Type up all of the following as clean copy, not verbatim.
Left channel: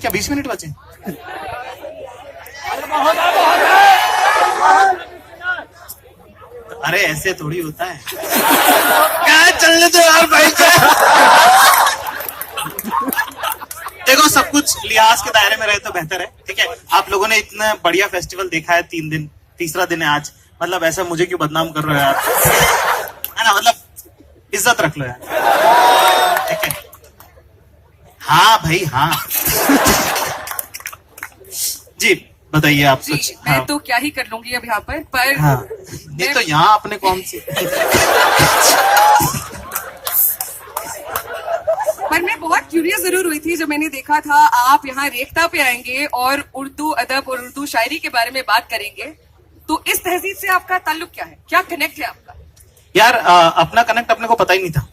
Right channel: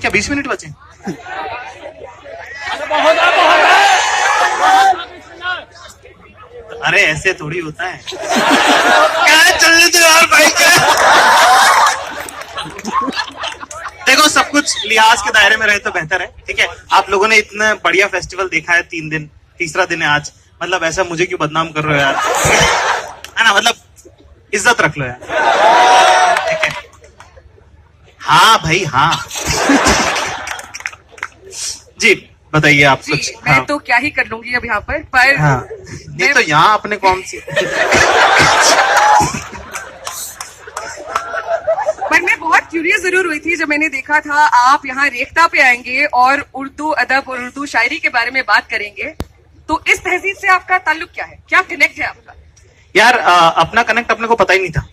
क्या 20 मिनट बचे? अरे ऐसे थोड़ी होता है। क्या चलने दो यार भाई, क्या देखो, सब कुछ लिहाज के दायरे में रहे तो बेहतर है। ठीक है, आप लोगों ने इतना बढ़िया फेस्टिवल देखा है, 3 दिन, तीसरा दिन है आज। मतलब ऐसा मुझे क्यों बदनाम कर रहे हो यार, है ना? मतलब इज्जत रख लो यार। ठीक है, हाँ भाई हाँ। जी बताइए आप कुछ। मैं हाँ। तो क्या ही कर लूंगी अब यहाँ पर हाँ, ये तो यहाँ आपने कौन सी पर मैं बहुत क्यूरियस जरूर हुई थी जब मैंने देखा था आप यहाँ रेखता पे आएंगे और उर्दू अदब और उर्दू शायरी के बारे में बात करेंगे। तो इस तहजीब से आपका ताल्लुक क्या है, क्या कनेक्ट है आपका? यार अपना कनेक्ट अपने को पता ही नहीं था।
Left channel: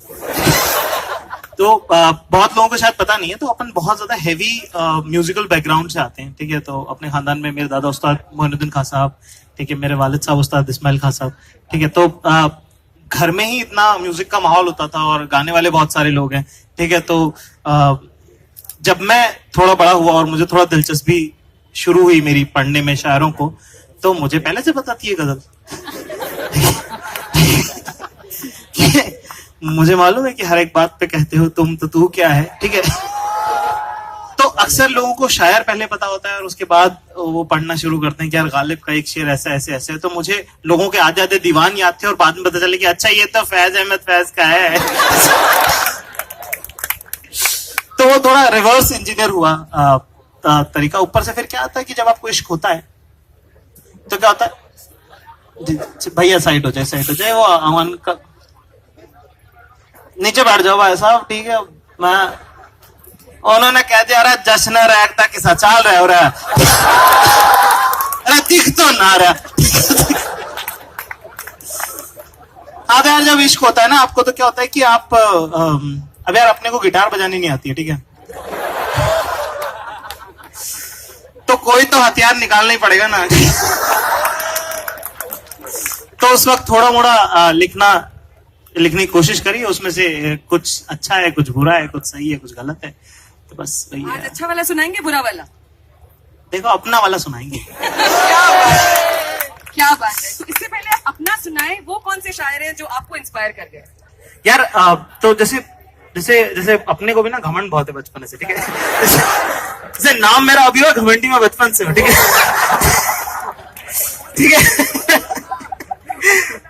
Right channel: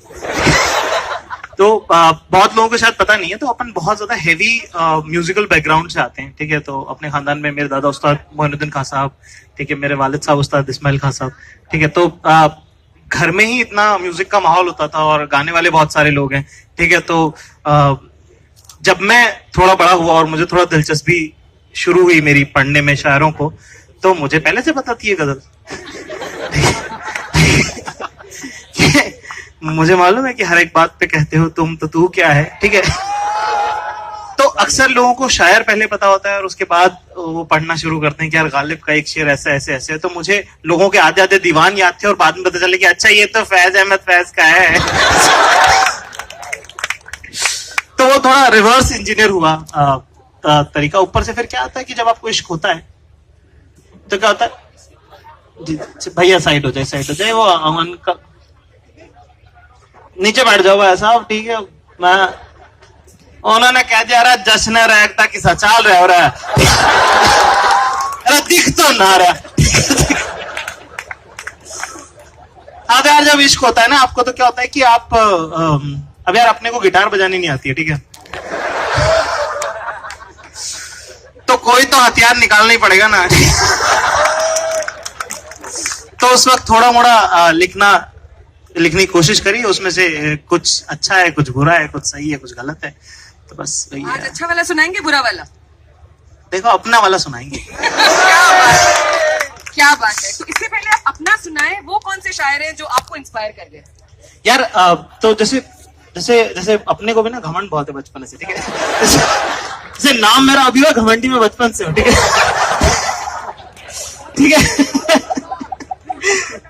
तो बहुत लोगों को शायद पता नहीं है, तो अपन बहुत ज्यादा हेवी म्यूजिकल बैकग्राउंड से आते हैं। ठीक है, तो अपने खानदान में मेरे दादा उस्ताद मोइनुद्दीन खान साहब, ठीक है, मेरे वालिद साहब उस्ताद इस्माइल खान साहब। ठीक है, तो घर में ही इतना म्यूजिक का माहौल होता था और गाने वाले बहुत सारे लोग हैं। ठीक है, तो जब मैं थोड़ा बड़ा हुआ और मुझे थोड़ा दिलचस्पी शुरू हुई मेरी पढ़ने में शायरों को, तो मुझे पहले से पता थी ये गजल। मुझे मालूम है कि हर एक बात पे कहते हो तुम, तो तू क्या है। ठीक है, तो अक्सर लोगों को शायर पहले पता होता है और उसके बाद वो पढ़ना शुरू करते हैं कि यार गालिब का एक शेर ऐसा ऐसे ऐसे। तो मुझे लोगों के आधे आधे दीवान याद थे और बाद में पता चले कि अच्छा ये तो फैज अहमद फैज का है। तो वो थोड़ा रिवर्स इंजीनियर हुआ तरीका। ऊपर से फिर क्या आता है कि जब आपको इश्क होता है तो क्या होता है, भैया साइड हो जाए, वो अमन का नीचे बैठ जाओ भाई साहब। ठीक है, मैं उन्होंने कह दिया अरे जश्न रैगता किसा चाल रहा हो रहा है, अरे दिख तो ना रहा। हाँ, तो यार जब इश्क होता है ना आपको, तो क्या होता है कि आप अब यार अपने को गिटार बजानी नहीं आती है। ठीक है, तो कोई तो हथियार निकालना ही पड़ेगा ना। तो उस वक्त थोड़ा मोड़ा लिखने की कोशिश करी, उसमें से कुछ अच्छा है, कुछ बुरा है, कुछ सही है, कुछ गलत है। तो बस वही आज है। अच्छा वाला सुनाएंगे, बुरा वाला? देखो, अपना वाला सुनाएंगे। क्या बात है, क्या बात है। तो इससे पहले आप अपना सुनाए, वो कौन से शायर हैं जो आपको इंस्पायर कर गए? यार तो जैसे जैसे जैसे अपने को भी ना घमंड बहुत है बचपन से। ठीक है, जैसे नाम मेरा अभी है घमंडी में बचपन से। ठीक है, ठीक है।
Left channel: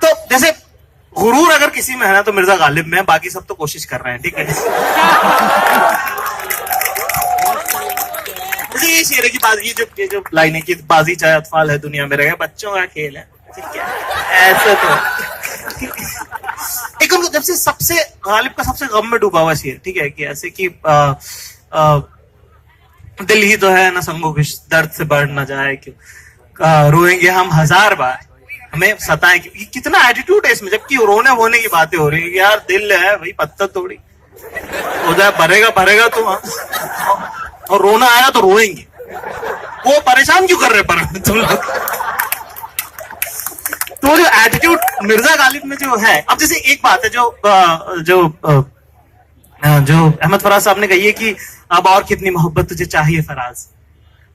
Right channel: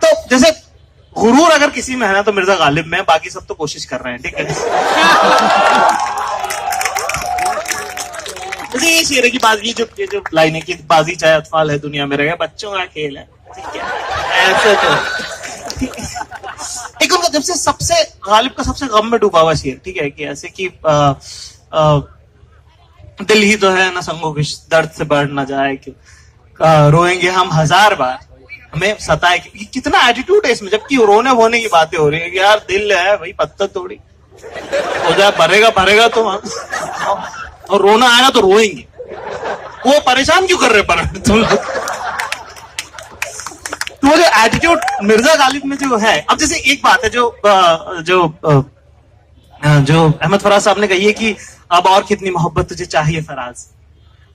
तो जैसे गुरूर अगर किसी में है ना तो मिर्जा गालिब में, बाकी सब तो कोशिश कर रहे हैं। ठीक है, जैसे ये शेर की बाजी, ये जो लाइन है कि बाजी चाहे अतफाल है दुनिया में रहे, बच्चों का खेल है। ठीक है, ऐसे तो एक उनका जब से सबसे गालिब का सबसे गम में डूबा हुआ शेर। ठीक है, कि ऐसे कि दिल ही तो है ना संगो किश, दर्द से बढ़ ना जाए क्यों, रोएंगे हम 1000 बार हमें सताए। कितना एटीट्यूड है इसमें, जबकि रोने वोने की बातें हो रही है कि यार दिल है भाई, पत्थर थोड़ी हो जाए, भरेगा तो और रोना आएगा तो रोएंगे। वो परेशान क्यों कर रहे पर तुम लोग? तो जो एटीट्यूड मिर्जा गालिब में जो है, अब जैसे एक बात है जो अहमद फराज साहब ने कही है कि अब और कितनी मोहब्बत तुझे चाहिए फराज,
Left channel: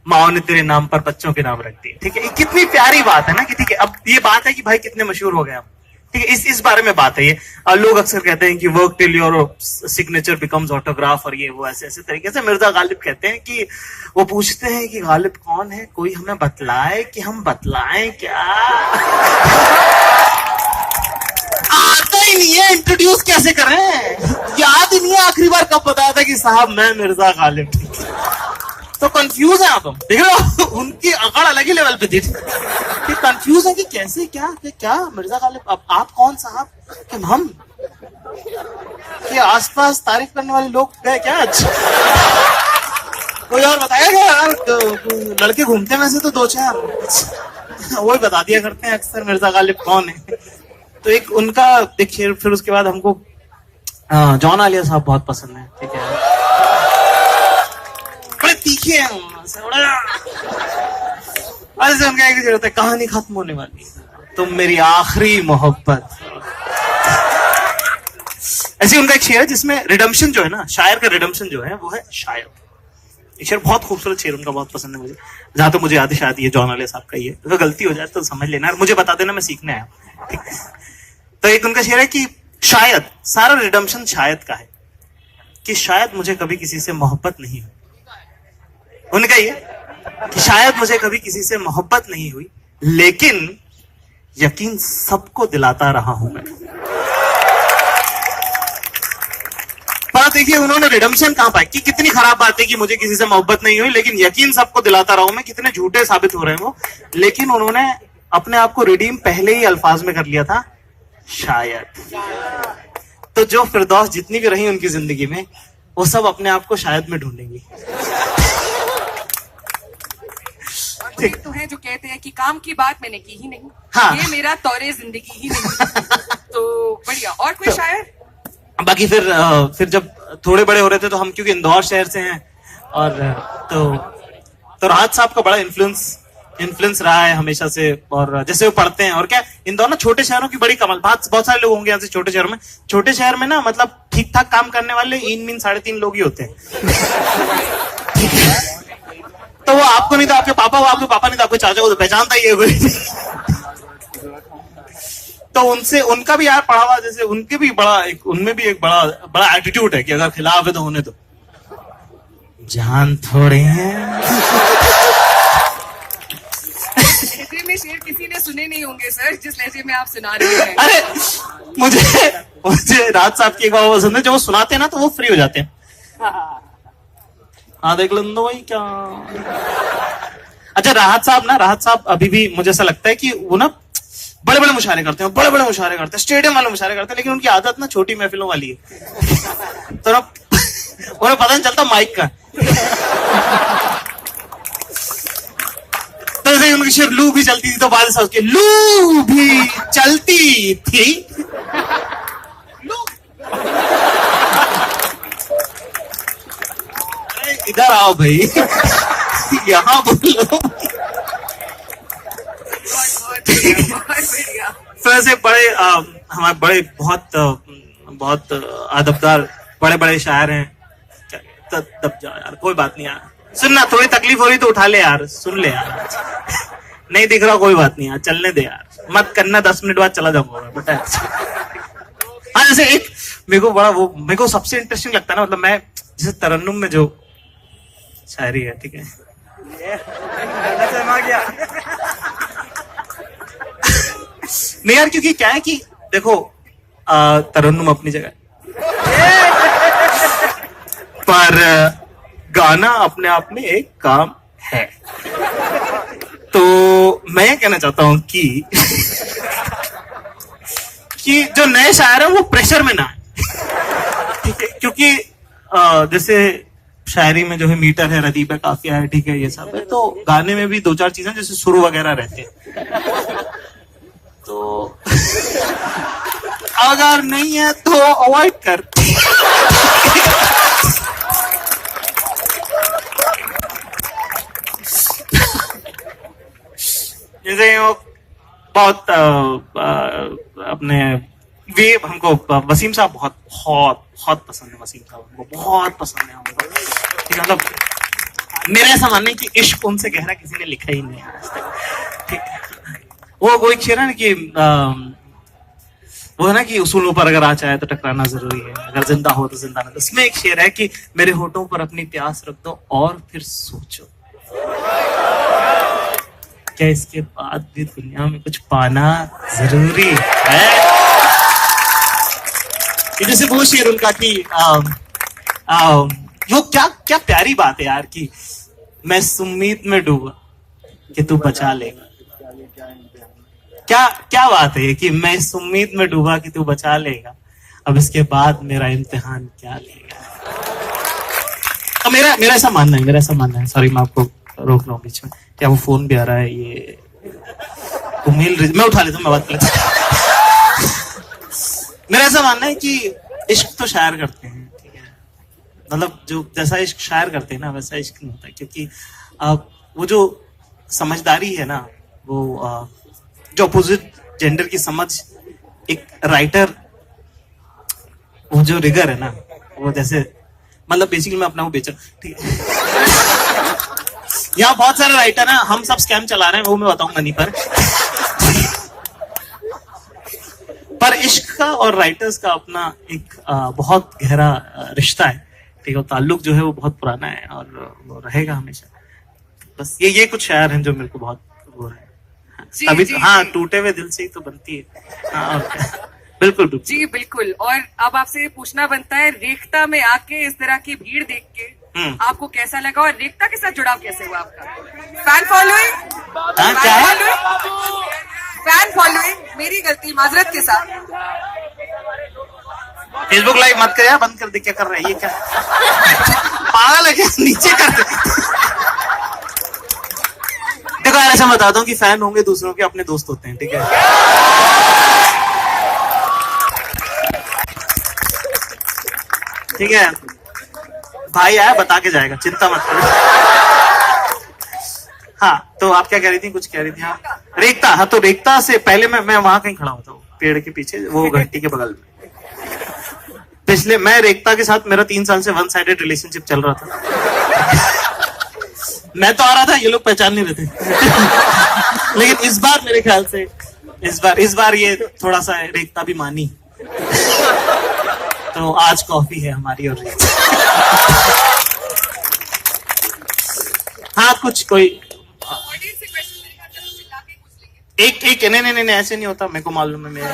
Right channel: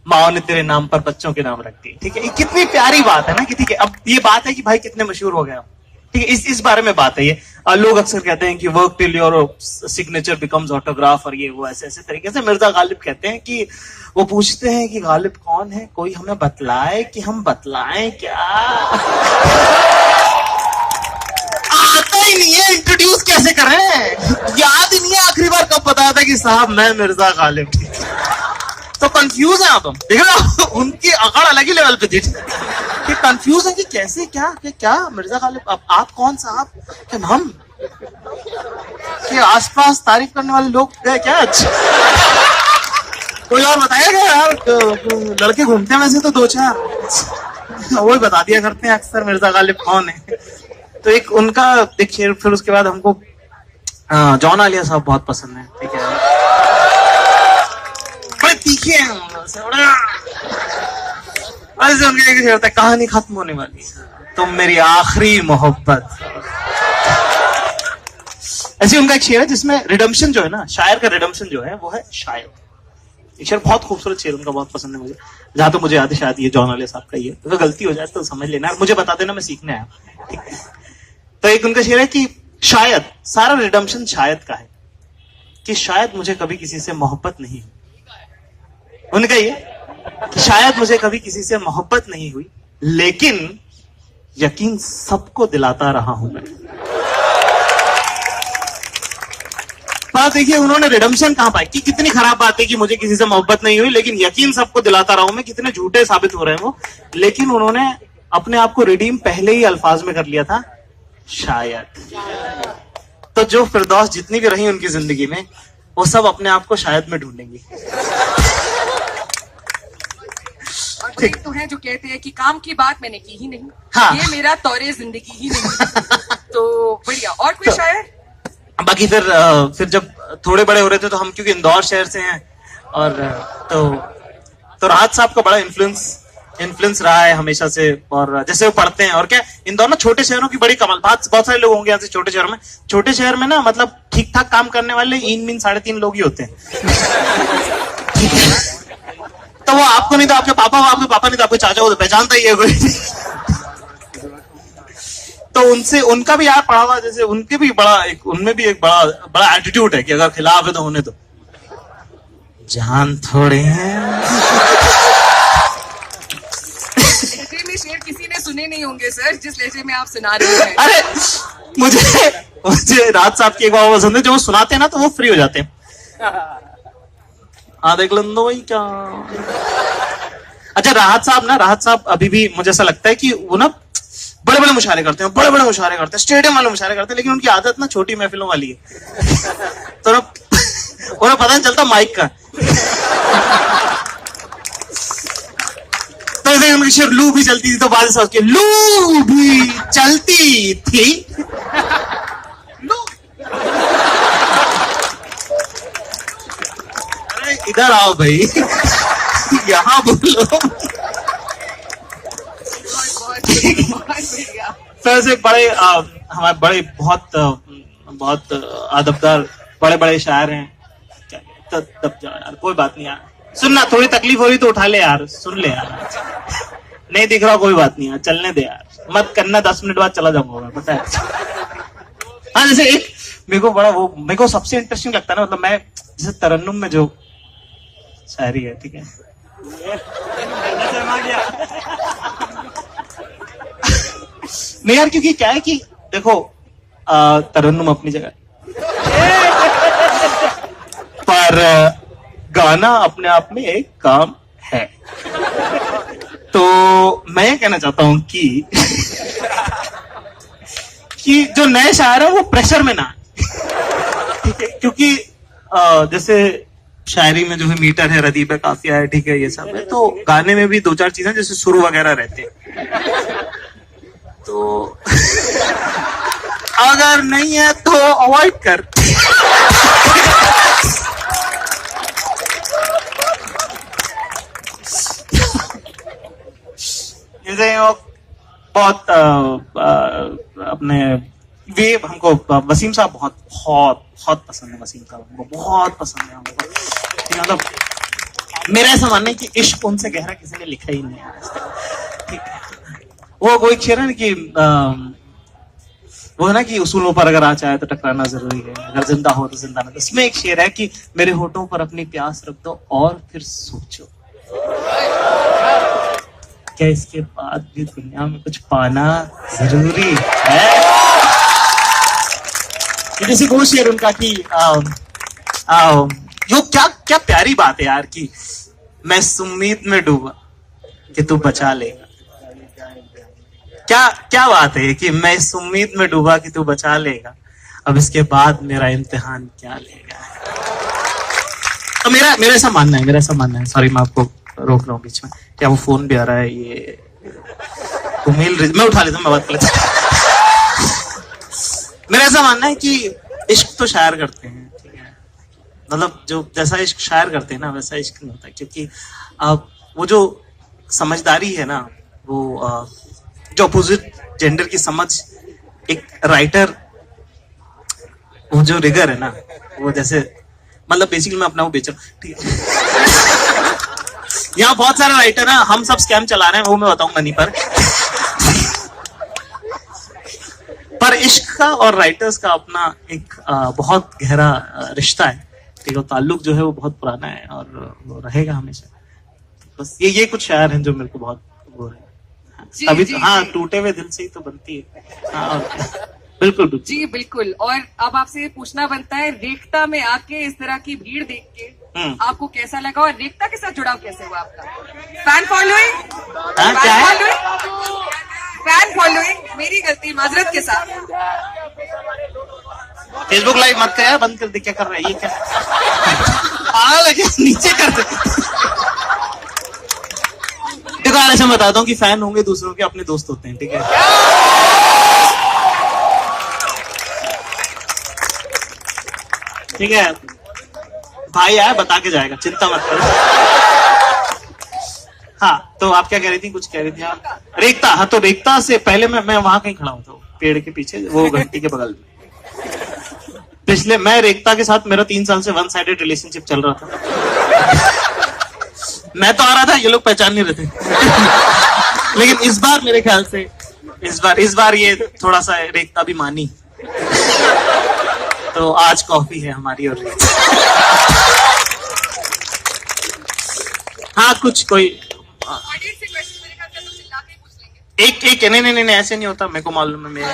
माओ ने तेरे नाम पर बच्चों के नाम रख दिए। ठीक है, कितनी प्यारी बात है ना कि ठीक है, अब ये बात है कि भाई कितने मशहूर हो गए हम। ठीक है, इस बारे में बात है ये। लोग अक्सर कहते हैं कि work till your signature becomes autograph, और ये वो ऐसे ऐसे तरीके से। मिर्जा गालिब कहते हैं कि वो पूछते हैं कि गालिब कौन है, कोई हमें बतलाए कि हम बतलाएं क्या। आता ही नहीं है, इंट्रोड्यूस कैसे करें, याद ही नहीं है आखिरी बार कब बताया था कि साहब मैं मिर्जा गालिब। तो कंफ्यूज है आप, देख रहे हो उनकी अकड़ अलग ही लेवल पे थी कि कंफ्यूज है कि कैसे क्या मिर्जा गालिब, अब आप कौन साहब, हम कि आसपास तारीफ करने वाले लोग गए क्या आज? कोई यार बताएगा यार, लड़के घूमते हैं वैसे तो 2-4, वही बता दिया करते हैं अक्सर मिर्जा गालिब कौन है। तो एक उनका देखिए, फिर उसके बाद हमको जॉन आलिया साहब बहुत पसंद है। ठीक है, बड़े तीखे हैं, ऐसे उनका एक होता है, कहानी खत्म होने वाली, तुम मेरी आखिरी मोहब्बत। ऐसी उनका एक शेर है जिसमें रिडम्पशन जो है ना, शायर का रिडम्पशन जो है वो है शायर। एक शेर, बहुत खूबसूरत शेर उनका, बहुत पसंद है मुझे। जहां तो मुझे याद है शायद ये जॉन वाले साहब का ही है, अगर गलती हो जाए तो समझ लेना, मुझे बता देना, मैं सीखने आया। ठीक है, तो एक उनका शेर है कि शायद सारा रिडम्पशन शायद का है, कि शायद मुझे कभी किसी से मोहब्बत नहीं हुई। उनका ये कि शायद मुझे कभी किसी से मोहब्बत नहीं हुई, लेकिन यकीन सबको दिलाता रहा हूं मैं। पर देखिए उन्होंने रिडम्पशन कहां पाई, कि कितनी खराब बात है कि मुझे किसी से मोहब्बत नहीं हुई लेकिन यकीन सबको दिलाता रहा हूं मैं, कितने झूठे साबित हो रहे हैं वो। लेकिन उन्होंने अपने आप को रिडीम पहले ही अल्फाज में कर लिया था, शायद। तो जो फिरदौस जितनी भी रही उनकी जिंदगी में, वो सब अपने आप को शायद में ढूंढेंगी। कोई तो है जो कहते हैं कि काम की बात मैंने की ही नहीं, हाँ। ये मेरा तौरे जिंदगी ही नहीं। तो बढ़िया। और कोई शायर? बाकी फिर जब थोड़े बड़े हो रहे थे तो हम क्योंकि इंदौर शहर से हैं, और तो राहत साहब का बड़ा इन्फ्लुएंस रहा है हमेशा से। और जैसे वो पढ़ते हैं, और क्या इंदौर ना छोटे शहरों की बड़ी कमाल, बहुत सारे लोग होंगे यहाँ से छोटे शहर में। छोटे शहर में ना मतलब ठीक ठाक काम करने वाले 3.5 लोग ही होते हैं। तो वो आपको नहीं तो आपके पापा, वो आपके पापा नहीं तो आपके चाचा, वो तो पहचानता ही है कोई। तो उनसे उनका भी यार पढ़ा हुआ, जैसे उनके भी उनमें भी एक बड़ा एटीट्यूड है कि अगर खिलाफ है तो होने दो, जान थोड़े हैं। लहजे में शेर किसी ने सुने नहीं होंगे सर, जिस लहजे में आप सुना रहे हैं। अरे मुझे राहत साहब की एक बात पसंद है, जो वो सुनाते हैं ना तो वो फ्री हो जाते हैं। हाँ देख लो भाई क्या। अच्छा राहत साहब अभी भी मुझे ऐसा लगता है कि वो ना बड़े बड़े मुशायरे करते हैं, स्टेडियम वाले मुशायरे करते हैं, लेकिन उनकी आदत ना छोटी महफिलों वाली है। तो ना उन्हें पता नहीं चलता माइक का। तो जैसे उनकी शेर लू भी चलती थी तो बाद में लू भी चलती थी। इधर आओ भाई, यहाँ बोलो। फिर से बड़े हमारे बड़े बहुत अदबदार बड़े शायर हैं। दब जाओ यार, कोई बात नहीं यार, सुनना थोड़ी तकलीफ हो रही तो उठा ले यार, सुन ले यार। नहीं दिख रहा कोई बात नहीं यार, चलने दे यार, मत करना, 10 मिनट बाद चला जाऊंगा बेटा। हाँ जैसे एक मेरे को सबसे इंटरेस्टिंग लगता है ना, मतलब मैं जैसे तरन्नुम में जो शायरी है, ठीक है, नहीं यार, क्योंकि क्या है कि देखो तरन्नुम अपनी जगह पर गाना अपने आप में एक काम है। तो मैं ये कहना चाहता हूं कि जो नए शायर है वो प्रेशर में ना, ठीक है, क्योंकि जैसे शायरी में जो है मीटर है, रदीब है, काफिया है, ठीक है, ये सब है। तो गाने में भी 2-4 चीजें जैसे सुर वगैरह रहते हैं, तो अगर नहीं है तो अवॉइड कर। जैसे बहुत अपने वे हमको वसीम साहब बहुत पसंद है, वसीम साहब हमको बहुत पसंद है हमको, मतलब मेरा ऐसा मानना है कि इश्क उनसे गहरा किसी ने लिखा ही नहीं है। वो एक शेर है ना कि वो है ना कि उसूलों पर अगर आ जाए तो टकराना जरूरी है, अगर जिंदा हो तो जिंदा ना। इसमें एक शेर है कि मेरे होठों पर अपनी प्यास रख दो और फिर सोचो, क्या इसके बाद भी दुनिया में कुछ पाना जरूरी है। जैसे वो शेर उनका कि वो क्या प्यारी बात है यार, कि मैं इस उम्मीद में डूबा कि तू बचा लेगा। क्या बात है कि मैं इस उम्मीद में डूबा कि तू बचा लेगा, अब इसके बाद मेरा इम्तिहान क्या लेगा। तो मेरा ऐसा मानना है, सॉरी मैं आपको रोक रहा हूँ बीच में, क्या वो फोन भी आ रहा है, ये मैं उठा लेता हूँ, मैं बात कर लेता हूँ। मेरा ऐसा मानना है कि इश्क तो शायर करते हैं, मतलब जो जैसा इश्क शायर करते हैं ना वैसा इश्क नहीं होता, क्योंकि वो जो समझदारी है ना, वो जो अपोजिट जेंडर की समझ, एक राइटर, वो जो रिगर है ना, वो जैसे मतलब बेसिकली मैं अपना वो बेच रहा हूँ, ठीक है। यहाँ बहुत सारे राइटर हैं, हम सब स्कैम चला रहे हैं, वो मैं बताऊंगा नहीं पर इश्क का और राइटर्स का अपना एक बहुत गहरा रिश्ता है, एक वो ताल्लुक जो है वो बहुत पुराना है और वो रहेगा हमेशा। बस ये कुछ शायर हैं जो मेरे को बहुत वो है अभी। हाँ, टूटे हुए दिल से ही तो बनती है। हाँ, और बिल्कुल जी बिल्कुल। और अब आपसे पूछना बनता है, रेखता में आके इस तरह की भीड़ देख के आपको कैसा लगा और रेखता के साथ जुड़ाव कैसे हुआ आपका? Fan following? क्या है? फैन फॉलोइंग, मेरी गलती, माजरत के साथ। फेसबुक लाइव मत कर यार, बंद कर दे। क्या कर रहा है ये? क्या पागल है क्या? नीचे कर दे। देखो यार, ऐसा बता दूं कि फैन होंगे दूसरों के, अपने दोस्त होते हैं, ठीक है? ठीक है, भाई आया बता के जाएगा, चिंता मत करो। हाँ, तो आप क्या कह रही थी? कुछ कह रही थी आप? रेखता। हाँ, तो रेखता से पहले मैं वहां कहीं खड़ा होता हूँ, पेड़ के पीछे, वो घंटी के बगल में। पिछले मैं रेखता के साथ, मेरा 3 साल से वन साइडेड रिलेशनशिप चल रहा था। मैं तो आ रहा था, ये लोग पहचान नहीं रहे थे। लेकिन इस बार मेरे ख्याल से इस बार ये थोड़ा सा रेखता भी मानी, तो आज कॉफी है हमारी। और हाँ, कुछ कोई एक नहीं ऐसे नहीं होता, मेरे को मालूम है। मेरे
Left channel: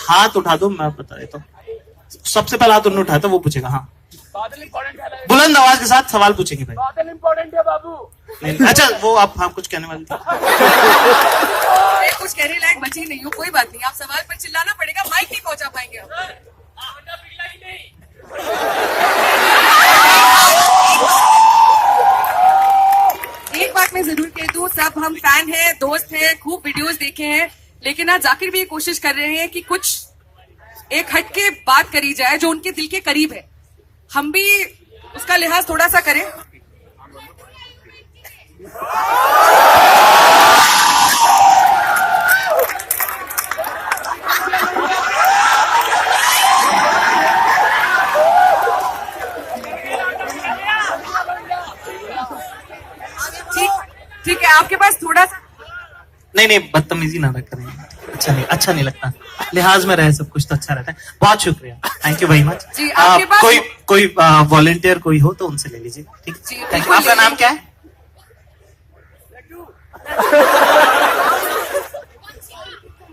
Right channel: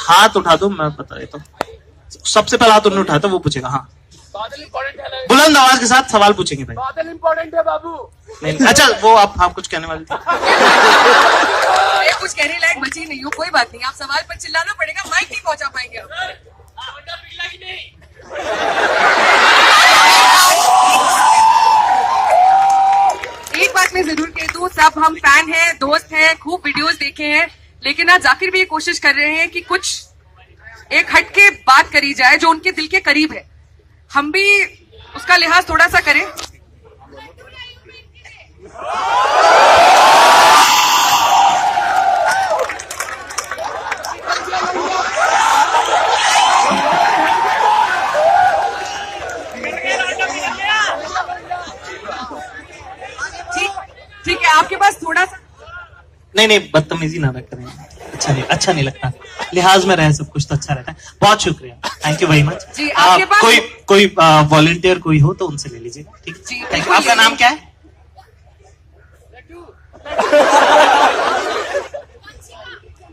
हाथ उठा दो, मैं बता देता हूँ। सबसे पहला हाथ उन्होंने उठाया था, वो पूछेगा। हाँ, बुलंद आवाज के साथ सवाल पूछेंगे भाई। बादल इम्पोर्टेंट है बाबू। नहीं, अच्छा, वो आप कुछ कहने वाले थे? कुछ कहने लायक बची नहीं हूँ, कोई बात नहीं। आप सवाल पर चिल्लाना पड़ेगा, माइक नहीं पहुंचा पाएंगे आप। एक बात मैं जरूर कह दूं, सब हम फैन हैं, दोस्त हैं, खूब वीडियोस देखे हैं, लेकिन आज जाकिर भी ये कोशिश कर रहे हैं कि कुछ एक हटके बात करी जाए जो उनके दिल के करीब है। हम भी उसका लिहाज थोड़ा सा करें। ठीक है, आपके पास थोड़ा सा। नहीं, बदतमीजी ना करें, अच्छा नहीं लगता। लिहाज में रहे सब कुछ तो अच्छा रहता है। बहुत शुक्रिया, थैंक यू वेरी मच। जी, आपके पास कोई वॉलंटियर कोई हो तो उनसे ले लीजिएगा, ठीक है? Thank you. आपका नाम क्या है?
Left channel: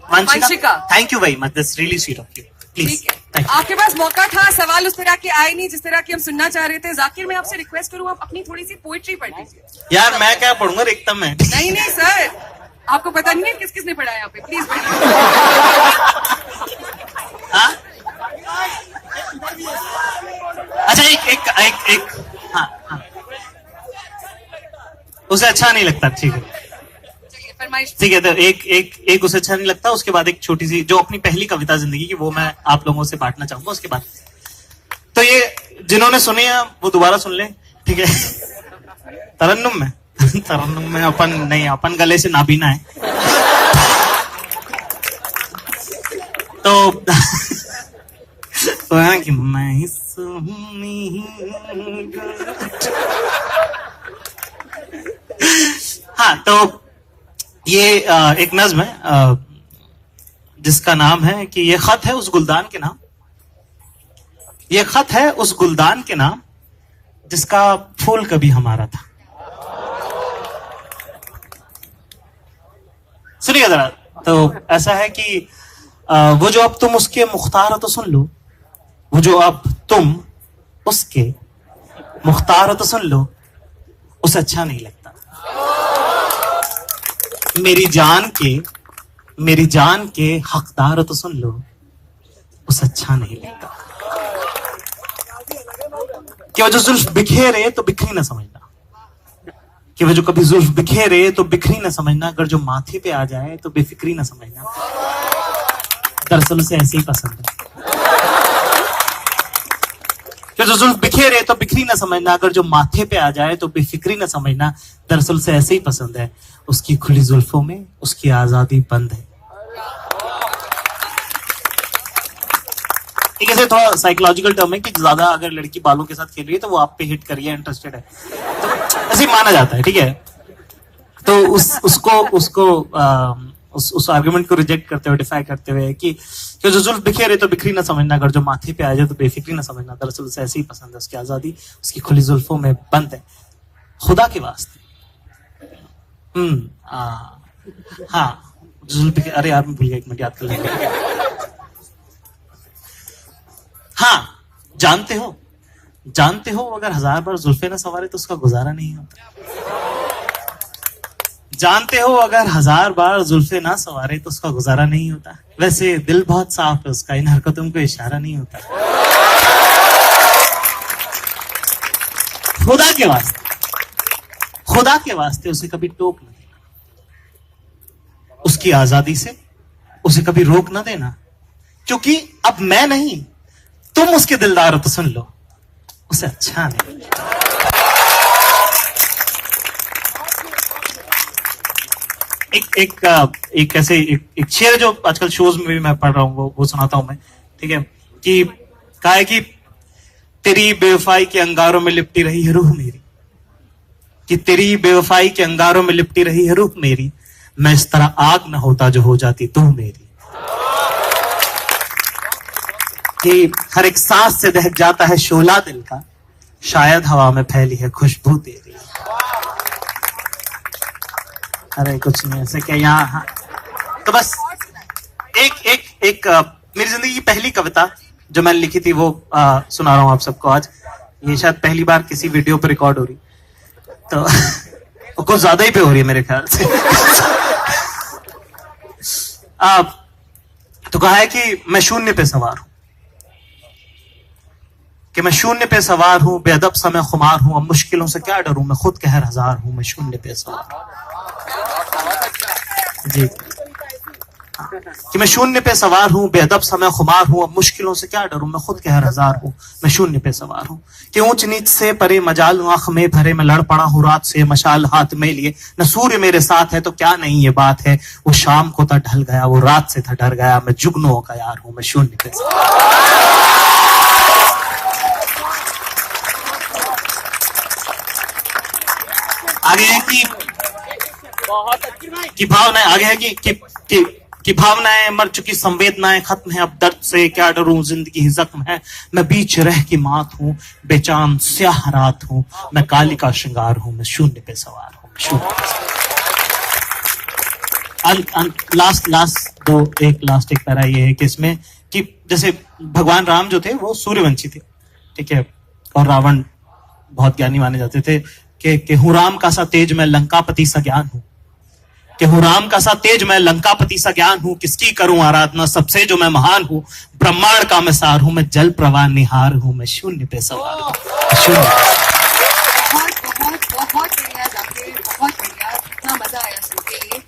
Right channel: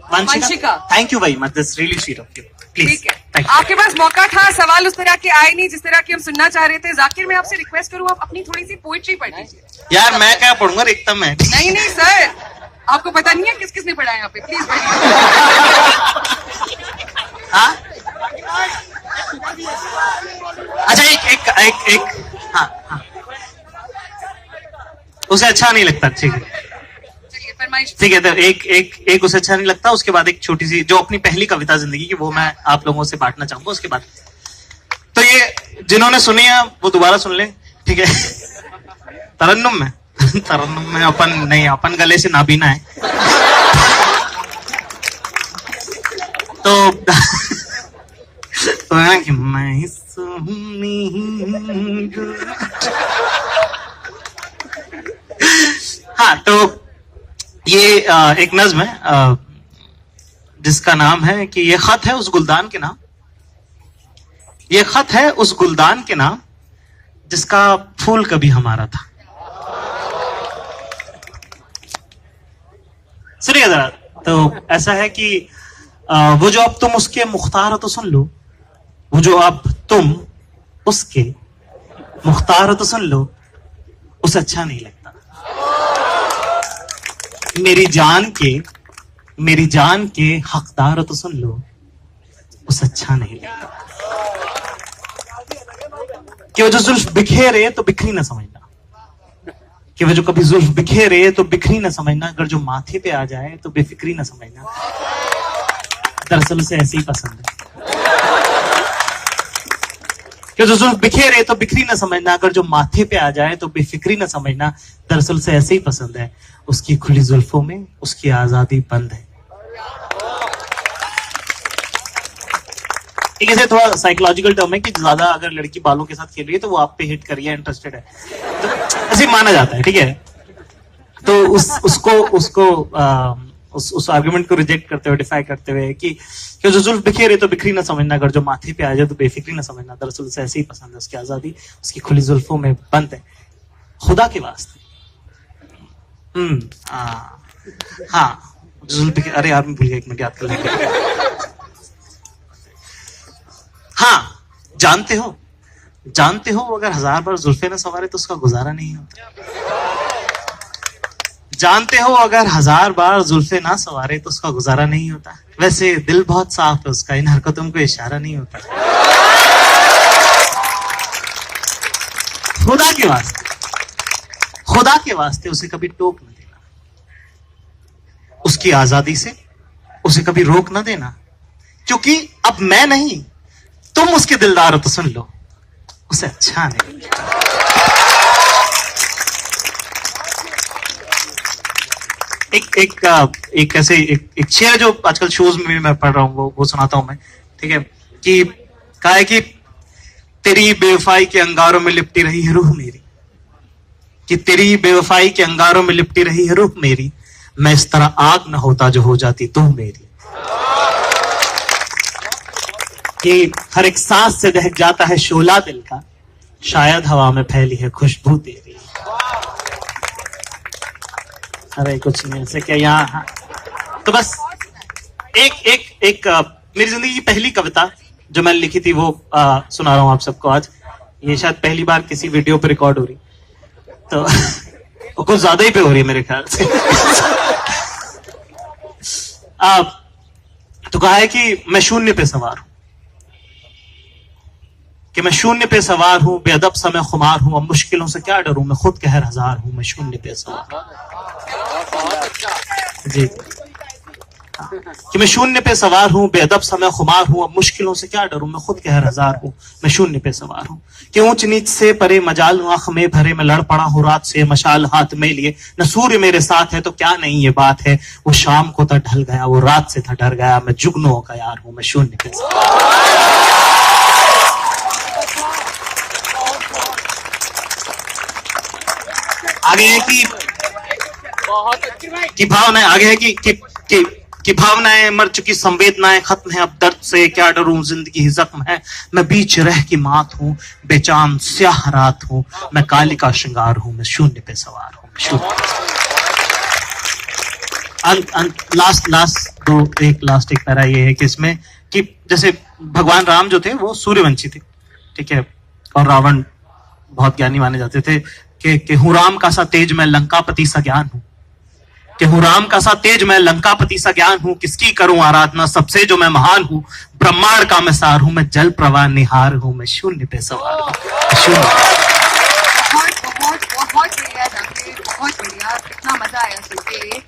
Vanshika. Thank you very much, this really sweet of you. Please. ठीक है, आपके पास मौका था, सवाल उस तरह के आए नहीं जिस तरह के हम सुनना चाह रहे थे। जाकिर, मैं आपसे रिक्वेस्ट करूं, आप अपनी थोड़ी सी पोइट्री पढ़ लीजिए। यार, मैं क्या पढ़ूंगा? रेखता में नहीं सर, आपको पता नहीं है किस किस ने पढ़ा है यहाँ पे? प्लीज। हाँ, अच्छा, एक हाँ, उसे अच्छा नहीं लगता, ठीक है? ठीक है, तो एक उसे अच्छा नहीं लगता। उसके बाद एक छोटी सी जो अपनी पहली कविता जिंदगी की, वो मैं आप लोगों से बांटना चाहूंगा। उसके बाद तो ये जिन्होंने सुनी है वो दोबारा सुन ले, ठीक है? तरन्नुम में अपन गले से नाबीना है। तो मैं हाँ, तो ये एक नज्म है जिसका नाम है कि ये खत है उस गुलदान के नाम, ये खत है उस गुलदान के नाम जिसका फूल कभी हमारा था। सुनिए जरा। तो ऐसा है कि वो जो अब तुम उसके मुख्तार हो तो सुन लो, वो जो अब तुम उसके मुख्तार हो तो सुन लो, उसे अच्छा नहीं लगता। मेरी जान के हकदार हो तो सुन लो, उसे अच्छा नहीं लगता। कि वो जो जुल्फ बिखेरे तो बिखरी ना समझना, कि वो जो कभी जुल्फ बिखेरे तो बिखरी ना समझना, अगर जो माथे पे आ जाए तो बेफिक्री ना समझना, दरअसल उसे ऐसे ही पसंद है। कि जो जुल्फ बिखेरे तो बिखरी ना समझना, अगर जो माथे पे आ जाए तो बेफिक्री ना समझना, दरअसल उसे ऐसे ही पसंद है। उसकी खुली जुल्फों में उसकी आजादी बंद है। ठीक है, थोड़ा साइकोलॉजिकल टर्म है कि ज्यादा अगर लड़की बालों के साथ खेल रही है तो वो आप पे हिट करिए, इंटरेस्टेड है तो ऐसे माना जाता है, ठीक है। तो उस आर्गुमेंट को रिजेक्ट करते हुए, डिफाई करते हुए कि जो जुल्फ बिखेरे तो बिखरी ना समझना, अगर जो माथे पे आ जाए तो बेफिक्री ना समझना, दरअसल उसे ऐसे ही पसंद है, उसकी आजादी उसकी खुली जुल्फों में बंद है, खुदा के वास्ते। हाँ, जुल्फ बिखेरे, अरे यार मैं भूल गया, एक मिनट याद कर लेंगे। हाँ, जानते हो अगर 1000 बार जुल्फे ना सवारे तो उसका गुजारा नहीं होता। जानते हो अगर 1000 बार जुल्फे ना सवारे तो उसका गुजारा नहीं होता। वैसे दिल बहुत साफ है उसका, इन हरकतों को इशारा नहीं होता। खुदा के वास्ते उसे कभी टोक न देना, उसकी आजादी से उसे कभी रोक न देना, क्योंकि अब मैं नहीं तुम उसके दिलदार हो तो सुन लो, उसे अच्छा नहीं। एक ऐसे एक शेर जो आजकल शोज में भी मैं पढ़ रहा हूँ, वो सुनाता हूं मैं, ठीक है। कि कहा है कि तेरी बेवफाई के अंगारों में लिपटी रही है रूह मेरी, कि तेरी बेवफाई के अंगारों में लिपटी रही है रूह मेरी, मैं इस तरह आग न होता जो हो जाती तू मेरी। कि हर एक सांस से दहक जाता है शोला दिल का, शायद हवा में फैली है खुशबू तेरी। अरे कुछ नहीं ऐसे क्या यहाँ। हाँ। तो बस एक मेरी जिंदगी की पहली कविता जो मैंने लिखी थी वो सुना रहा हूं आप सबको आज। ये शायद पहली बार किसी वीडियो पे रिकॉर्ड हो रही, तो वो कुछ ज्यादा ही पे हो रही है मेरे ख्याल से। तो कहा है कि मैं शून्य पे सवार हूं, कि मैं शून्य पे सवार हूं, बेअदब सा मैं खुमार हूं, अब मुश्किलों से क्या डरूं, मैं खुद कहर हजार हूं, मैं शून्य पे सवार हूं। जी हाँ। कि मैं शून्य पे सवार हूं, बेअदब सा मैं खुमार हूं, अब मुश्किलों से क्या डरूं, मैं खुद कहर हजार हूं, मैं शून्य पे सवार हूं। कि ऊंच नीच से परे मजाल हूं, आंख में भरे मैं लड़ पड़ा हूं रात से, मशाल हाथ में लिए न सूर्य मेरे साथ है तो क्या नहीं ये बात है, वो शाम को था ढल गया, वो रात से था डर गया, मैं जुगनुओं का यार हूं, मैं शून्य पे सवार। आगे है कि भावनाएं, आगे है कि भावनाएं मर चुकी, संवेदनाएं खत्म है, अब दर्द से क्या डरूं, जिंदगी ही जख्म है, मैं बीच रह की मात हूं, बेचान स्याह रात हूं, मैं काली का श्रृंगार हूं, मैं शून्य पे सवार हूं, लास्ट एक पैरा ये है कि इसमें कि जैसे भगवान राम जो थे वो सूर्यवंशी थे, ठीक है, और रावण बहुत ज्ञानी माने जाते थे। कि हूं राम का सा तेज मैं लंकापति सा ज्ञान हूं, कि हूं राम का सा तेज मैं लंकापति सा ज्ञान हूं, किसकी करूं आराधना सबसे जो मैं महान हूं, ब्रह्मांड का मैं सार हूं, मैं जल प्रवाह निहार हूं, मैं शून्य पे सवार हूं, शून्य। बहुत बढ़िया जाके, बहुत बढ़िया, इतना मजा आया सुन के।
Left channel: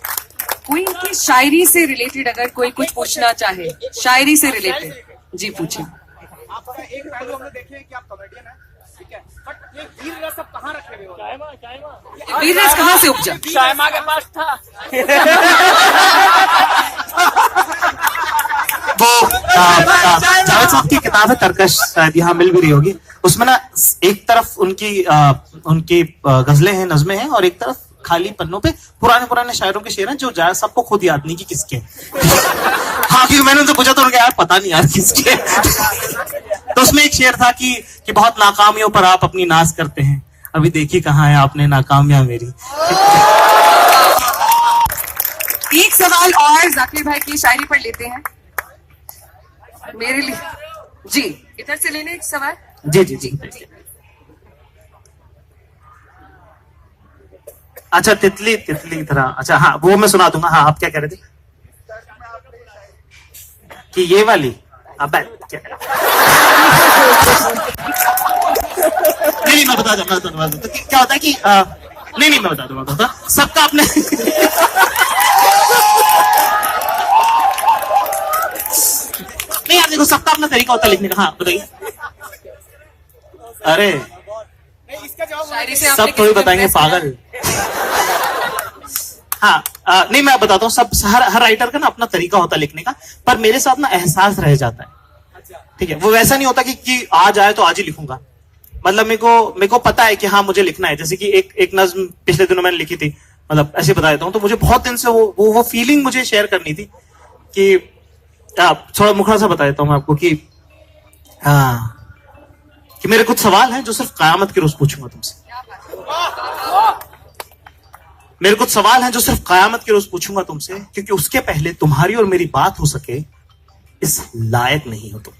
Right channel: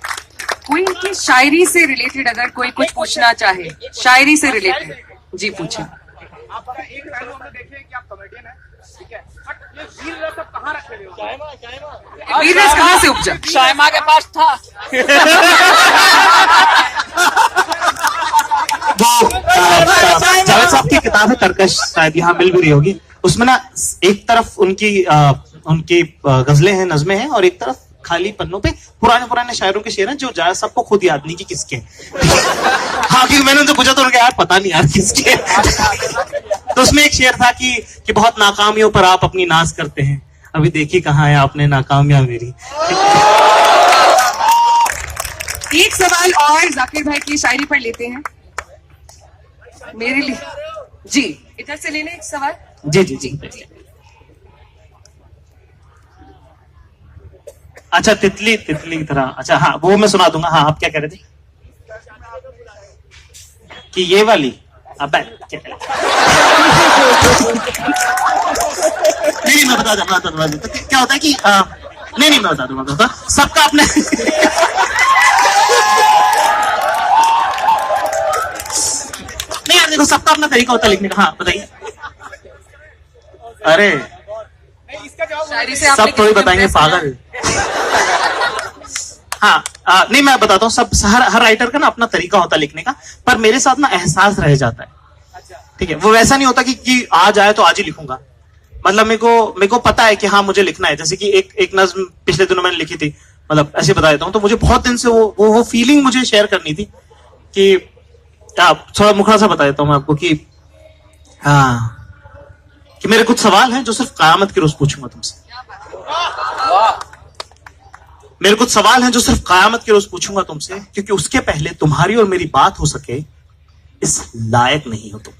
कोई की शायरी से रिलेटेड अगर कोई कुछ पूछना चाहे, शायरी से रिलेटेड, जी पूछे। आपका एक पहलू हमने देखे कि आप कॉमेडियन हैं, ठीक है, बट ये वीर रस आप कहाँ रखे हुए हो? वीर रस कहाँ से उपजा? शायमा के पास था। वो जावेद साहब की किताब है तरकश, शायद यहाँ मिल भी रही होगी। उसमें ना एक तरफ उनकी गजलें हैं, नज़में हैं, और एक तरफ खाली पन्नों पे पुराने शायरों के शेर हैं जो जायद सबको खुद याद नहीं कि किसके। हाँ, क्योंकि मैंने उनसे पूछा तो उनके यार पता नहीं यार किसके। तो उसमें एक शेर था कि बहुत नाकामियों पर आप अपनी नाज करते हैं, अभी देखी कहाँ है आपने नाकामियां मेरी। एक सवाल और जाकिर भाई की शायरी पर लेते हैं मेरे लिए। जी इधर से ले लें एक सवाल। जी। अच्छा, तितली की तरह, अच्छा हाँ वो मैं सुना दूंगा। हाँ, आप क्या कह रहे थे? कि ये वाली अब क्या नहीं मैं बता दूंगा। तो क्या होता है कि नहीं मैं बता दूंगा। सबका अपने नहीं यार देखो, सबका अपना तरीका होता है लिखने का। हाँ बताइए। अरे शायरी से सब थोड़ी बताएंगे पागल। हाँ नहीं मैं बताता हूँ, सब हर राइटर का ना अपना तरीका होता है लिखने का, पर मेरे साथ ना एहसास रह जाता है। ठीक है, वो वैसा नहीं होता कि आज आए तो आज ही लिखूंगा। मतलब मेरे को पता है कि हाँ मुझे लिखना है। जैसे कि एक नज्म पिछले दिनों मैंने लिखी थी, मतलब ऐसे बता देता हूँ। तो मुझे बहुत दिन से वो फीलिंग मुझे शेयर करनी थी कि थोड़ा मुखड़ा सा बता देता हूँ मैं आपको कि कि मेरे कुछ सवाल हैं जो सिर्फ कयामत के रोज पूछूंगा तुमसे। मेरे कुछ सवाल हैं जो सिर्फ कयामत के रोज पूछूंगा तुमसे, क्योंकि उसके पहले तुम्हारी और मेरी बात हो सके इस लायक नहीं हो तुम।